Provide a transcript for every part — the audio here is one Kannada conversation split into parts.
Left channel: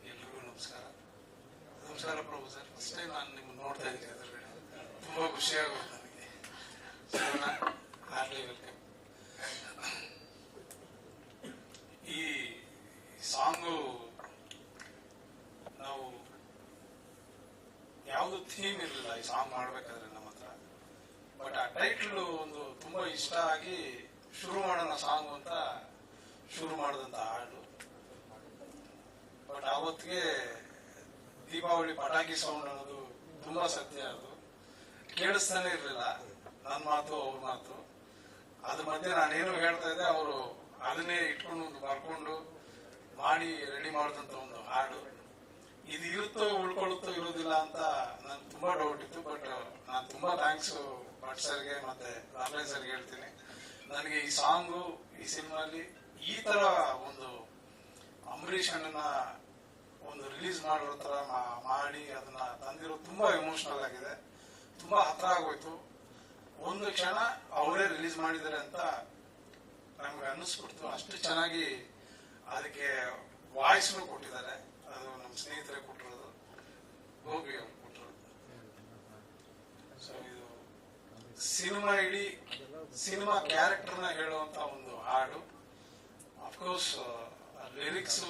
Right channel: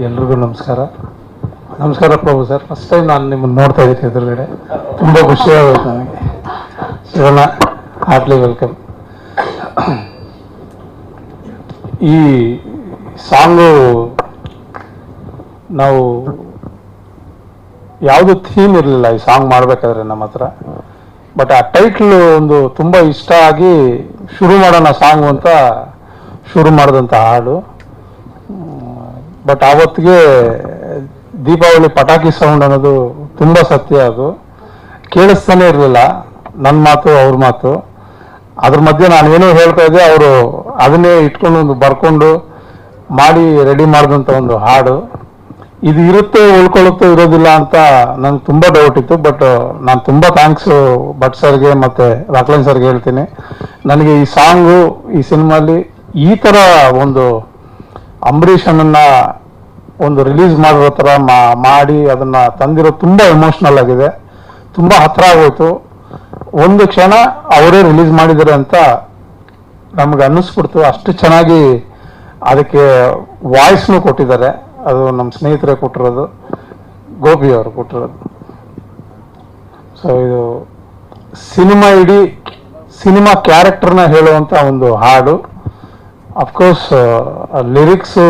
ಎಲ್ರಿಗೂ ನಮಸ್ಕಾರ. ನಮಸ್ಕಾರ ಪ್ರಭು ಸರ್. ಫಸ್ಟ್ ಟೈಮ್ ನಾನು ನಿಮ್ಮನ್ನು ನೋಡ್ತಾ ಇದ್ದೀನಿ ಎದುರುಗಡೆ. ತುಂಬ ಖುಷಿಯಾಗುತ್ತೆ ನನಗೆ. ಶಿವಣ್ಣ ಹಾರ್ಟ್ಲಿ ವೆಲ್ಕಮ್ ಈ ಸಾಂಗು ನಾವು ಯಾವುದು ಥೀಮ್ ಇರಲಿಲ್ಲ ಈ ಸಾಂಗ್ ಮಾಡಬೇಕಾದ್ರೆ ನಮ್ಮ ಹತ್ರ. ಬಟ್ ಆ ಟೈಟ್ಲು ಒಂದು ತುಂಬ ಇಷ್ಟ ಆಗಿ ಶುರು ಮಾಡೋಣ ಸಾಂಗು ಅಂತ ಶುರು ಮಾಡಿದಂಥ ಹಾಡು. ಬಟ್ ಆವತ್ತಿಗೆ, ದೀಪಾವಳಿ ಪಟಾಕಿ ಸೌಂಡ್ ಅನ್ನೋದು ತುಂಬ ಸತ್ಯ ಅದು. ಕೇಳಿಸ್ತಾನೆ ಇರಲಿಲ್ಲ. ನನ್ನ ಮಾತು, ಅವ್ರ ಮಾತು. ಅದ್ರ ಮಧ್ಯೆ ಏನೋ ಹೇಳ್ತಾ ಇದ್ದೆ, ಅವರು ಅದನ್ನೇ ಇಟ್ಕೊಂಡು ಒಂದು ಬರ್ಕೊಂಡು ಮಾಡಿ ರೆಡಿ ಮಾಡಿದಂಥ ಒಂದು ಹಾಡು. ಇದು ಇರುತ್ತೆ, ಉಳ್ಕೊಳ್ಳುತ್ತೋ, ಇರೋದಿಲ್ಲ ಅಂತ ನಂಗೆ ತುಂಬ ಡೌಟ್ ಇತ್ತು. ಬಟ್ ನಾನು ತುಂಬ ಥ್ಯಾಂಕ್ಸ್ ಭಟ್ ಸರ್ಗೆ ಮತ್ತು ರಾಕ್ಲೈನ್ ಸರ್ಗೆ ಹೇಳ್ತೀನಿ. ನನಗೆ ಈ ಸಾಂಗು ಈ ಸಿನಿಮಾಲಿ ಈ ಥರ ಒಂದು ಅಂಬರೀಷ್ ಒಂದು ರಿಲೀಸ್ ಮಾಡಿರೋ ಥರ ಮಾಡಿ ಅದನ್ನ ತಂದಿರೋ ತುಂಬ ಎಮೋಷ್ನಲ್ ಆಗಿದೆ. ತುಂಬ ಹತ್ರ ಆಗೋಯ್ತು. ಒಂದು ಕ್ಷಣ ಅವರೇ ರಿಲೀಸ್ ಮಾಡಿದ್ದಾರೆ ಅಂತ ನಮ್ಗೆ ಅನ್ನಿಸ್ಬಿಡ್ತು. ಅಷ್ಟು ಚೆನ್ನಾಗಿ ಅದಕ್ಕೆ ವಾಯ್ಸ್ನು ಕೊಟ್ಟಿದ್ದಾರೆ. ಅದು ನಮ್ಮ ಸ್ನೇಹಿತರೇ ಕೊಟ್ಟಿರೋದು, ಗೋಪಿ ಅವರು ಕೊಟ್ಟಿರೋದು. ಸೊ ಇದು ಸಿನಿಮಾ ಇಡೀ ಸಿನಿಮಾ ಕ್ಯಾರೆಕ್ಟರ್ನ ಹೇಳುವಂಥ ಒಂದು ಹಾಡು. ಅಫ್ಕೋರ್ಸ್ ಲಿರಿಕ್ಸು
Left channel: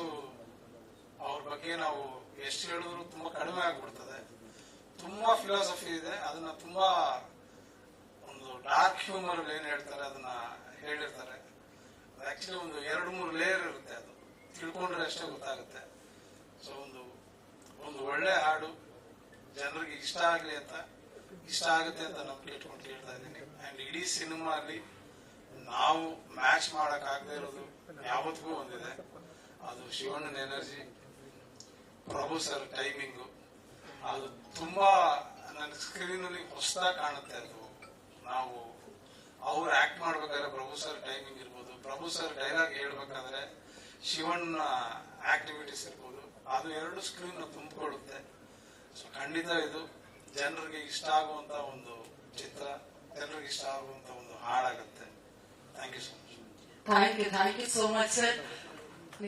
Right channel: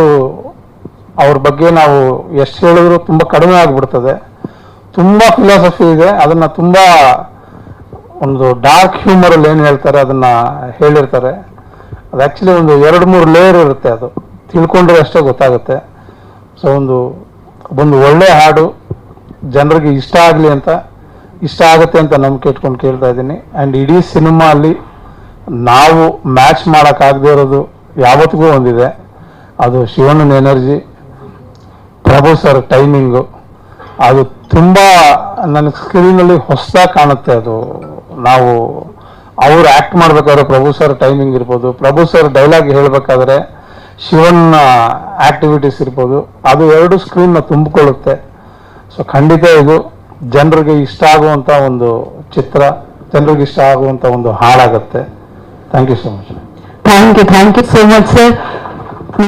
ಅವ್ರ ಬಗ್ಗೆ ನಾವು ಎಷ್ಟು ಹೇಳಿದ್ರು ತುಂಬ ಕಡಿಮೆ ಆಗಿಬಿಡ್ತದೆ. ತುಂಬ ಫಿಲಾಸಫಿ ಇದೆ. ಅದನ್ನು ತುಂಬ ಒಂದು ಡಾರ್ಕ್ ಹ್ಯೂಮರಲ್ಲಿ ಏನು ಹೇಳ್ತಾರೆ ಅದನ್ನ ಹೇಳಿರ್ತಾರೆ. ಅದು ಆ್ಯಕ್ಚುಲಿ ಒಂದು ಎರಡು ಮೂರು ಲೇಯರ್ ಇರುತ್ತೆ ಅದು. ತಿಳ್ಕೊಂಡ್ರೆ ಅಷ್ಟೇ ಗೊತ್ತಾಗುತ್ತೆ. ಸೊ ಒಂದು ಒಂದು ಒಳ್ಳೆ ಹಾಡು ಜನರಿಗೆ ಇಷ್ಟ ಆಗಲಿ ಅಂತ, ಇಷ್ಟ ಆಗುತ್ತೆ ಅಂತ ನಂಬಿಕೆ ಇಟ್ಕೊಂಡು ಕೇಳ್ತಾ ಇದ್ದೀನಿ. ಆ್ಯಂಡ್ ಇಡೀ ಸಿನಿಮಾ ಅಲ್ಲಿ ನಾವು ಮ್ಯಾಚ್ ಮಾಡೋಕ್ಕಾಗದೇ ಇರೋದು ಯಾವತ್ತಿಗೂ ಒಂದಿದೆ. ಅದು ಶಿವಣ್ಣನ ಎನರ್ಜಿ, ಪ್ರಭು ಸರ್ ಟೈಮಿಂಗು. ಅದು ತುಂಬ ನನಗೆ ಸ್ಕ್ರೀನಲ್ಲಿ ಹೊಸ ಕಾಣುತ್ತೆ ಅದು. ನಾವು ಅವರು ಆ್ಯಕ್ಟ್ ಮಾಡಬೇಕಾದ್ರೆ ಪ್ರಭು ಸರ್ ಟೈಮಿಂಗ್ ಇರ್ಬೋದು. ಪ್ರಭು ಸರ್ ಡೈಲಾಗ್ ಹೇಳಬೇಕಾದ್ರೆ ಶಿವನ್ನ ಆಕ್ಟಿವಿಟೀಸ್ ಇರ್ಬೋದು. ಅದು ಎರಡು ಸ್ಕ್ರೀನ್ನ ತುಂಬಿಕೊಳ್ಳುತ್ತೆ. ಸೊ ಖಂಡಿತ ಇದು ಜನರಿಗೆ ಇಷ್ಟ ಆಗುವಂಥ ಒಂದು ಚಿತ್ರ, ಜನರಿಗೆ ಇಷ್ಟ ಆಗುವಂಥ ಒಂದು ಹಾಳಾಗುತ್ತೆ. Thank you so much thank you thank you so much sir